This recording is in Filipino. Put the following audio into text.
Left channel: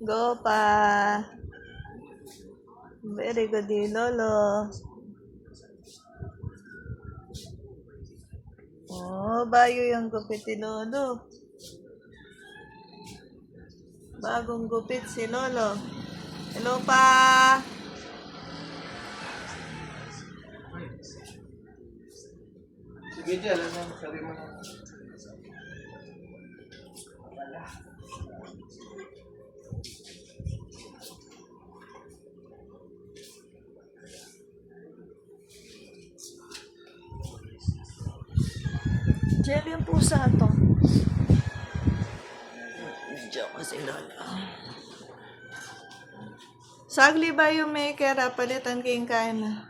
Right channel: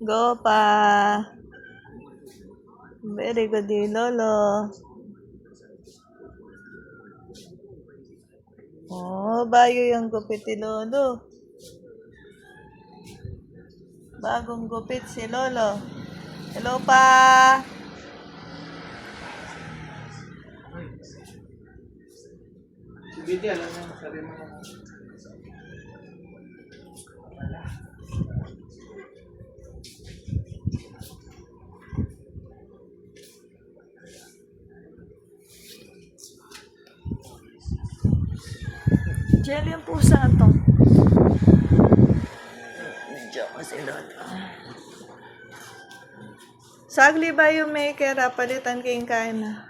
Go pa. Very good din, Lolo. Oh, bayo yung gupit ni Lolo. Bagong gupit si Lolo. Hello pa. Sige, di, alam mo, sabi mo na. Gel yung pusa to. Medyo kasi Lolo. Sagli ba yung maker? Palitan kayong kain na.